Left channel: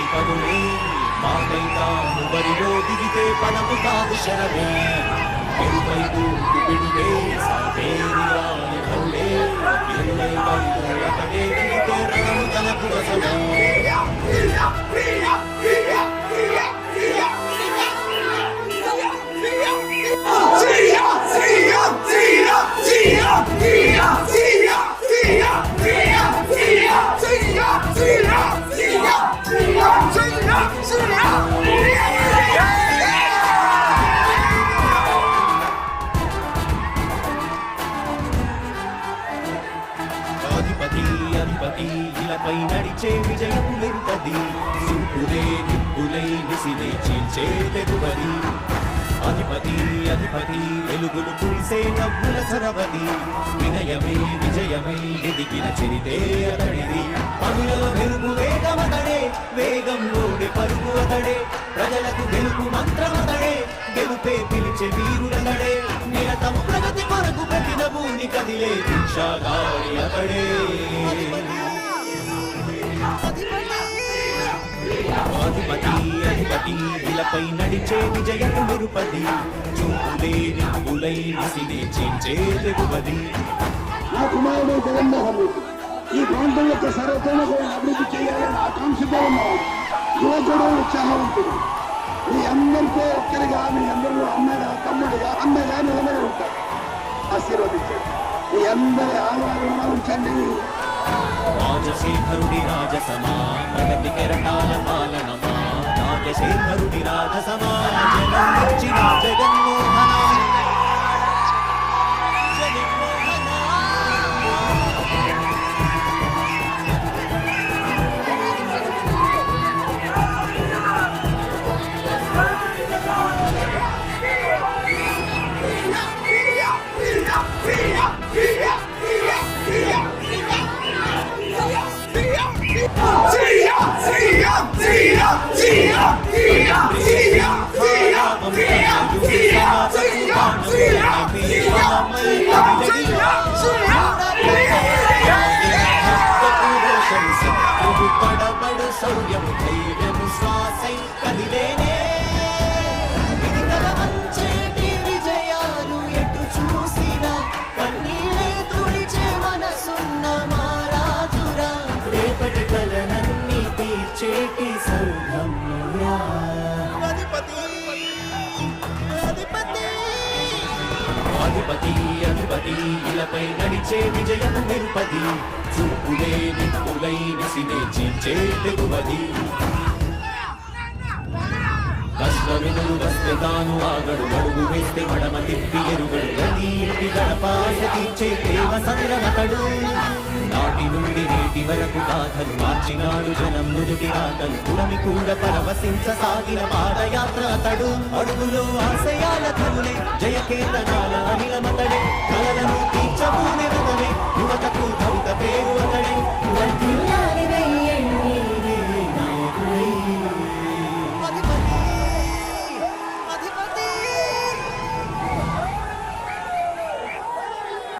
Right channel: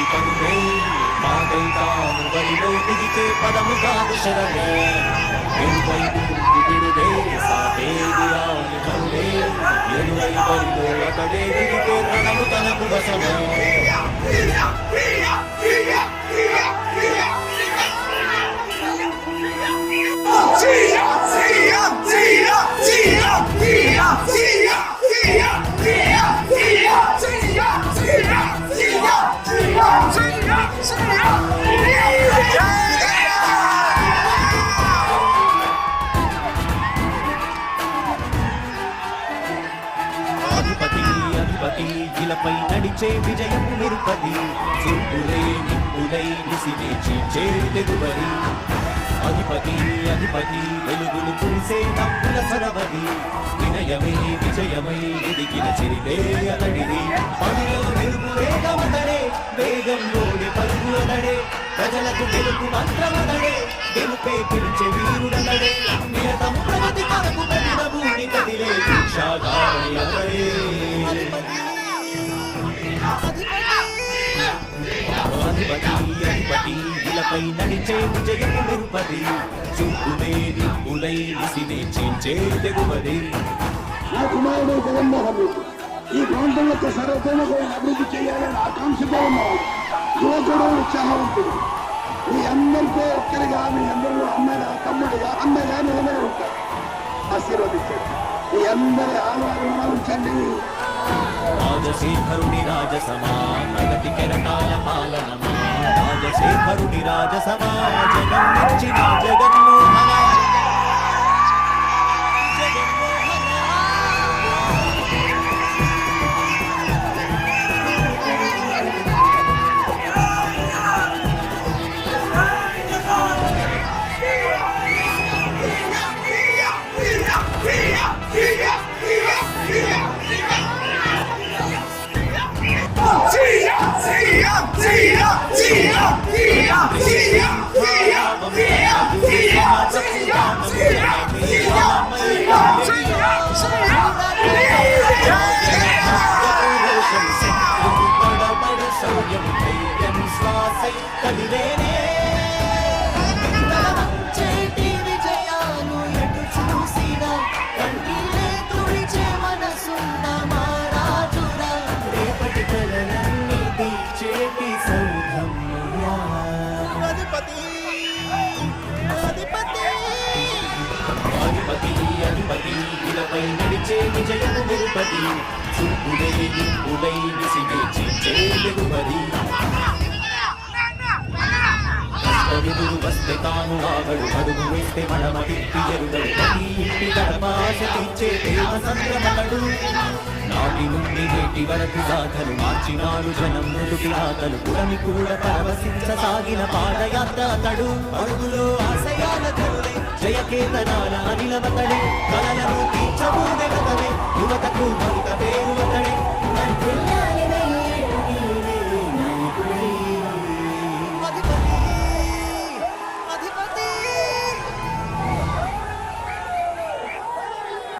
జాతి మాటైతాను బరిలో దిగితే పదము కాదు శరమే. ఎరుపై తూర్పు బిడులే సాటేది రాని కరుడే. ఎరుపై బరిలో అతడే దిగితే రణము తనకు వసమే అధిపతి ఇలపై నడిచే విజయం మెరుపది. చూపులే నిప్పులై నిసినే చేర్చే తెగువది అధిపతి అధిపతి వెలుగులు పూసే నవ్వుల చొరవది వినయమే విజయమై ఎదిగిన చరితే అతడిది. పనుల మెరుపు వేగమదడే వేగం ఓడి పరుగు అతడే. ప్రజలకు గెలుపు మంత్రమదడే గెలుపే పిలిచే వీరుడనడే నిరతము ప్రగతి మనకు ప్రతిభ భూమి కదిలే అధిపతి అధిపతి ఇలపై నడిచే విజయము మెరుపది చూపులే నిప్పులై నిసినే చేంచే తెగువది నా కుమారుడు జగన్మోహన్ రెడ్డి ఈ ప్రాంతం యొక్క సర్వతోముఖమైన అభివృద్ధి చేయాలని ఆకాంక్షతో ఉన్నాడు యువకుడు ఉత్సాహవంతుడు. మీ అందరితో ఒక్కరిగా మీ అందరిలో అన్నగా తమ్ముడిగా అన్నగా నిలబడి ఉంటారు. ఆశీర్వదించండి. మీ అందరి ఆధారంగా ఉంచండి. రాజశేఖరుడి రాజసమా ప్రగతి కెరటాల పాలనమా యోగిరాజ రాజసమా ఇచ్చిన జగన్మోహన జగన్మోహన. శౌర్యము ధైర్యము శ్వాసై కదిలేనే విడితల వంచేటి విజయాలు ఎటు చూసినా కన్నీరే తుడిచే మనసున్న మా రాజురా రేపటి కలరన్నీ తీర్చేటి సౌరమ్యుడా అధిపతి అధిపతి ఇలపై నడిచే విజయము మెరుపది చూపులే నిప్పులై నిసినే చీల్చే దిగువది కష్టమిదురు వస్తే తాను ఆగడు అడుగు వేస్తే మడమడిప్పి ఎరుగడు. నీ ఇంటి గడపాస తీర్చే ప్రేమ సంగమగడు నాటి నుండి నేటి వరకు సాధలు మార్చినాడు జనం నుదుటి రాతలు పురమి కూడా పరవశించ సాగిన పాదయాత్ర అతడు. అడుగులో ఆశయాల కనులై జయ కీర్తనాల అనిల మతలే కలలను తీర్చబూనె కదలే